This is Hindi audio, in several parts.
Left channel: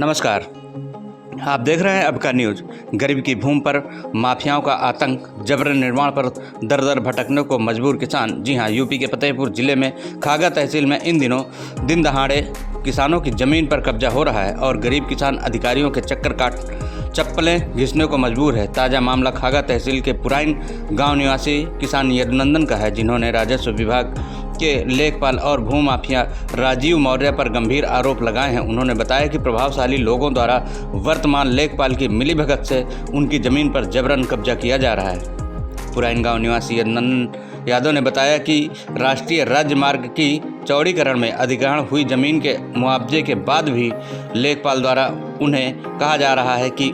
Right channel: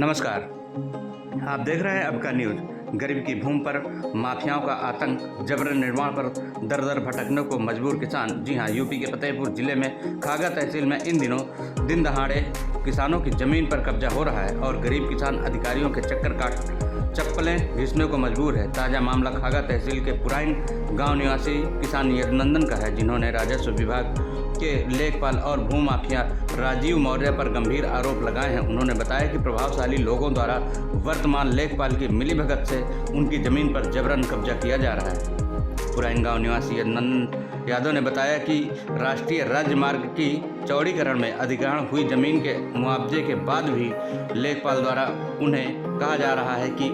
नमस्कार, आप देख रहे हैं अब का न्यूज़। गरीब की भूमि पर माफियाओं का आतंक, जबरन निर्माण पर दर दर भटकने को मजबूर किसान। जी हां, यूपी के फतेहपुर जिले में खागा तहसील में इन दिनों दिन दहाड़े किसानों की ज़मीन पर कब्जा हो रहा है और गरीब किसान अधिकारियों के चक्कर काट चप्पलें घिसने को मजबूर है। ताज़ा मामला खागा तहसील के पुराइन गाँव निवासी किसान यदुनंदन का है, जिन्होंने राजस्व विभाग के लेखपाल और भूमाफिया राजीव मौर्य पर गंभीर आरोप लगाए हैं। उन्होंने बताया कि प्रभावशाली लोगों द्वारा वर्तमान लेखपाल की मिलीभगत से उनकी ज़मीन पर जबरन कब्जा किया जा रहा है। पुराइन गांव निवासी यदुनंदन यादव ने बताया कि राष्ट्रीय राजमार्ग की चौड़ीकरण में अधिग्रहण हुई ज़मीन के मुआवजे के बाद भी लेखपाल द्वारा उन्हें कहा जा रहा है कि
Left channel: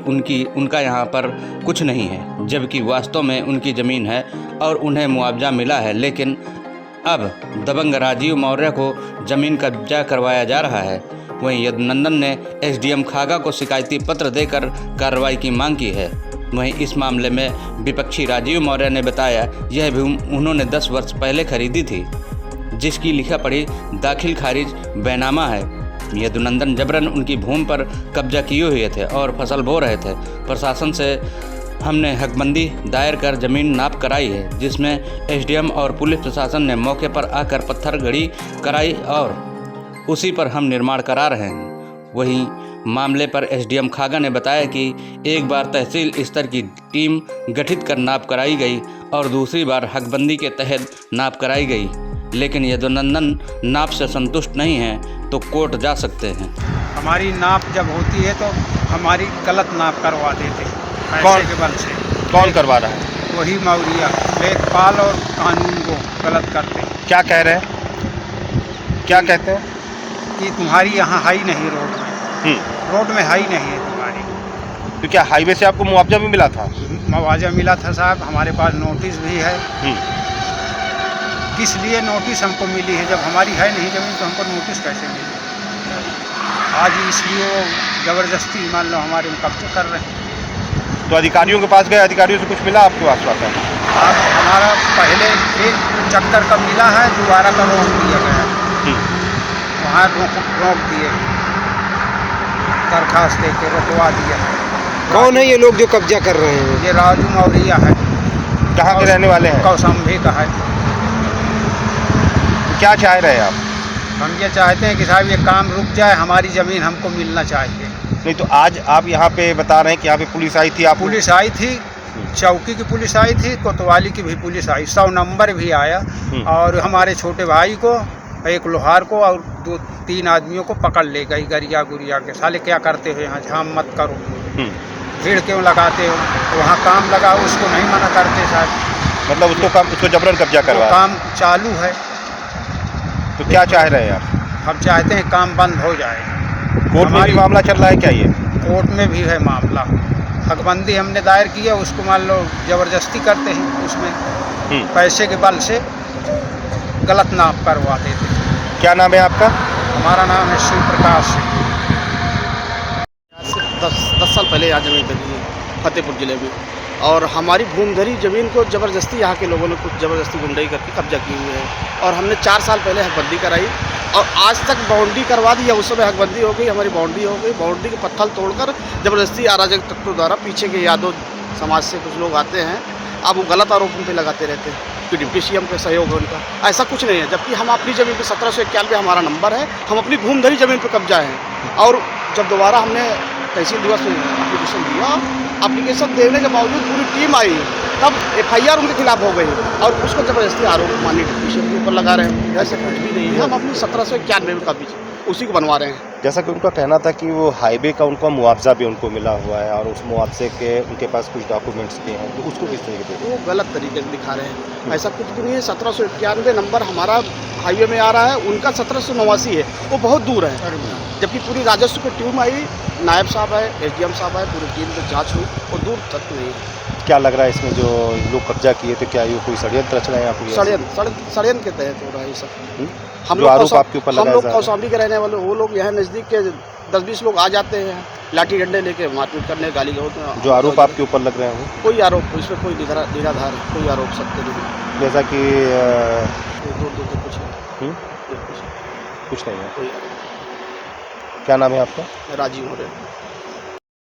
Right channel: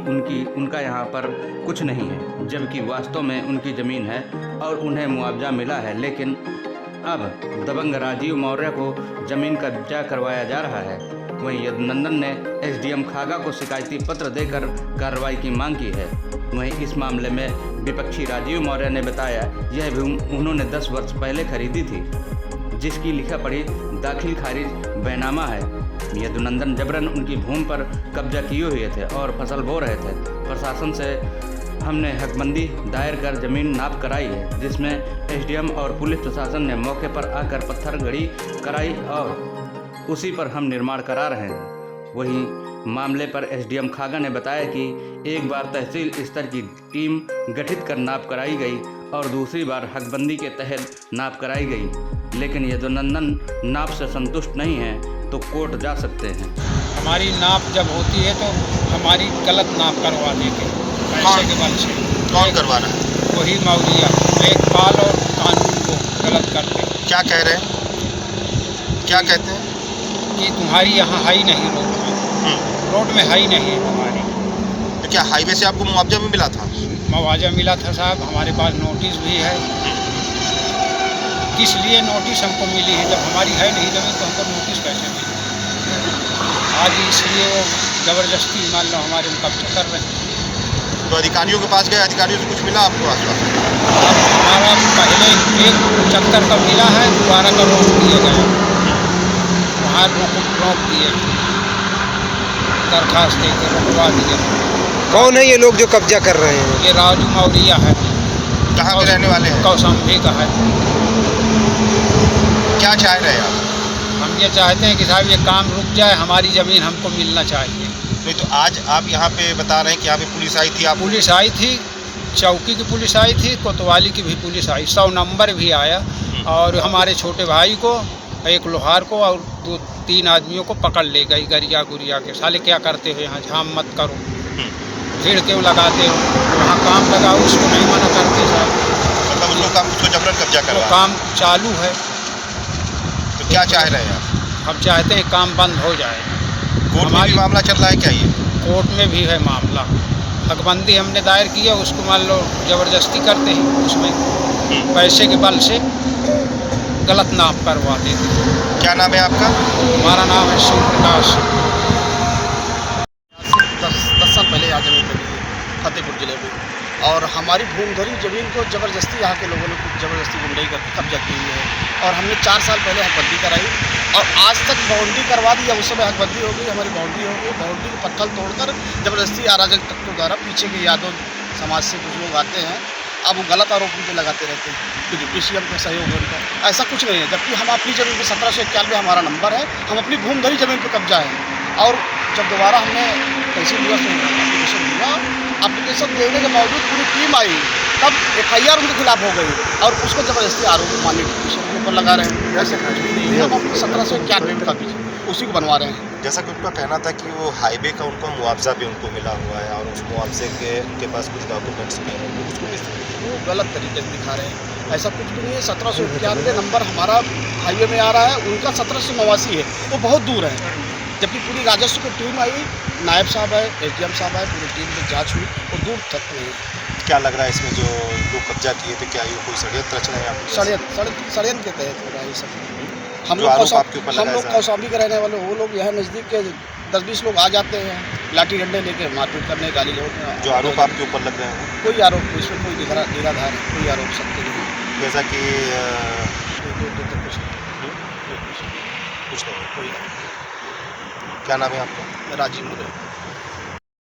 उनका यहाँ पर कुछ नहीं है, जबकि वास्तव में उनकी ज़मीन है और उन्हें मुआवजा मिला है। लेकिन अब दबंग राजीव मौर्य को ज़मीन कब्जा करवाया जा रहा है। वहीं यदुनंदन ने एसडीएम खागा को शिकायती पत्र देकर कार्रवाई की मांग की है। वहीं इस मामले में विपक्षी राजीव मौर्य ने बताया यह भूमि उन्होंने 10 वर्ष पहले खरीदी थी, जिसकी लिखा पढ़ी दाखिल खारिज बैनामा है। यदुनंदन जबरन उनकी भूमि पर कब्जा किए हुए थे और फसल बो रहे थे। प्रशासन से हमने हकबंदी दायर कर ज़मीन नाप कराई है, जिसमें एसडीएम और पुलिस प्रशासन ने मौके पर आकर पत्थर गड़ी कराई और उसी पर हम निर्माण करा रहे हैं। वहीं मामले पर एसडीएम खागा ने बताया कि एक बार तहसील स्तर की टीम गठित कर नाप कराई गई और दूसरी बार हकबंदी के तहत नाप कराई गई, लेकिन यदुनंदन नाप से संतुष्ट नहीं हैं तो कोर्ट जा सकते हैं। हमारी नाप जब होती है तो हमारी गलत नाप करवा देते पैसे के बल से। कौन करवा रहा है? वही मौर्या लेखपाल और कानून को गलत करते हैं। क्या कह रहे हैं? क्या कहते हैं? कि तुम्हारी यहाँ है ही नहीं रोड में है ही नहीं है तुम्हारी। तो क्या हाईवे से आपको मुआवजा भी मिला था? मुआवजा मिला था साहब, हमारे पास नोटिस भी है। किस लिए नोटिस हमको मिली है? जब हमारी है नहीं ज़मीन तो हमको नोटिस कैसे मिली? आज इसलिए वो ज़बरदस्ती मान लो हमारे में कब्जा कर रहे हैं। तो अधिकारियों के पास गए, अधिकारियों से कुछ मिला आपको आश्वासन? आप हमारा पहले एक चक्कर का मिला है, दोबारा का रोक दिया गया। वहाँ रोक दिए, दरखास्त दे के रोकवा दिया है। कौन है ये लोग जो कब्जा कर रहे हैं? ये राजू मौर्य है। कहाँ के रहने वाले हैं? कौशाम्बी का है। क्या चाह रहे हैं आप? हम ये चाहते हैं कि साहब ये काम रुक जाए, हमारी ज़मीन हमको मिलना चाहिए। नहीं तो आज आप यहाँ पे बता रहे हैं कि यहाँ पे पुलिस आई थी? आप पुलिस आई थी, चौकी की पुलिस आई थी, कोतवाली की भी पुलिस आई, 100 नंबर भी आया और हमारे छोटे भाई को, एक लोहार को और 2-3 आदमियों को पकड़ ले गई गरिया गुरिया के। साले क्या करते हो यहाँ, झाम मत करो, भीड़ क्यों लगाते हो? तो वहाँ काम लगा, उसको नहीं मना करते साहब। मतलब उसको जबरन कब्जा वो करवा? काम चालू है। तो क्या चाह रहे हैं आप? हम चाहते हैं काम बंद हो जाए। कोर्ट में भी मामला चल रहा है क्या? ये कोर्ट में भी है मामला। हकबंदी हमने दायर किया, उसको मान लो ज़बरदस्ती करते हैं, उसमें पैसे के बल से गलत नाप करवा देते। क्या नाम है आपका? हमारा नाम है शिव प्रकाश। 10 साल पहले यहाँ ज़मीन खरीदी है फतेहपुर जिले में, और हमारी भूमिधरी ज़मीन को ज़बरदस्ती यहाँ के लोगों ने कुछ ज़बरदस्ती गुंडाई करके कब्जा किए हुए हैं। और हमने 4 साल पहले हकबंदी कराई और आज तक बाउंड्री करवा दी है। उस समय हकबंदी हो गई, हमारी बाउंड्री हो गई। बाउंड्री के पत्थर तोड़कर ज़बरदस्ती अराजक तत्वों द्वारा, पीछे के यादव समाज से कुछ लोग आते हैं, अब वो गलत आरोप उन पर लगाते रहते हैं कि डिप्टी सीएम का सहयोग है उनका। ऐसा कुछ नहीं है, जबकि हम अपनी ज़मीन पर 1791 हमारा नंबर है, हम अपनी भूमिधरी ज़मीन पर कब्जा है। और जब दोबारा हमने तहसील दिवस में एप्लीकेशन दिया, एप्लीकेशन देने के बावजूद पूरी टीम आई, तब FIR उनके खिलाफ हो गई और उसको ज़बरदस्ती आरोप माननीय डिप्टी सीएम के ऊपर लगा रहे हैं। ऐसे कुछ भी नहीं है, हम अपनी 1791 में कब्जा उसी को बनवा रहे हैं। जैसा कि उनका कहना था कि वो हाईवे का उनका मुआवजा भी उनको मिला हुआ है और उस मुआवजे के उनके पास कुछ डॉक्यूमेंट्स भी हैं, तो उसको किस तरह वो गलत तरीके से दिखा रहे हैं। ऐसा कुछ भी नहीं है। 1791 नंबर हमारा हाईवे में आ रहा है, उनका 1789 है, वो बहुत दूर है। जबकि पूरी राजस्व की टीम आई, नायब साहब है, SDM साहब है, पूरी टीम में जांच हुई, वो दूर तक नहीं है। क्या लग रहा है इसमें जो लोग कब्जा किए, तो क्या ये कोई षड्यंत्र रच रहे हैं? षड्यंत्र के तहत हो रहा है ये सब। हम लोग कौशाम्बी के रहने वाले, वो लोग यहाँ नज़दीक के 10-20 लोग आ जाते हैं लाठी डंडे लेके मारपीट करने, गाली गलौज। जो आरोप आपके ऊपर लग रहे हैं? कोई आरोप इसमें कोई निराधार है, कोई आरोप सत्य नहीं। जैसा कि दूर तक कुछ नहीं, कुछ नहीं है, कोई आरोप। क्या नाम है आपका? राजीव मौर्य।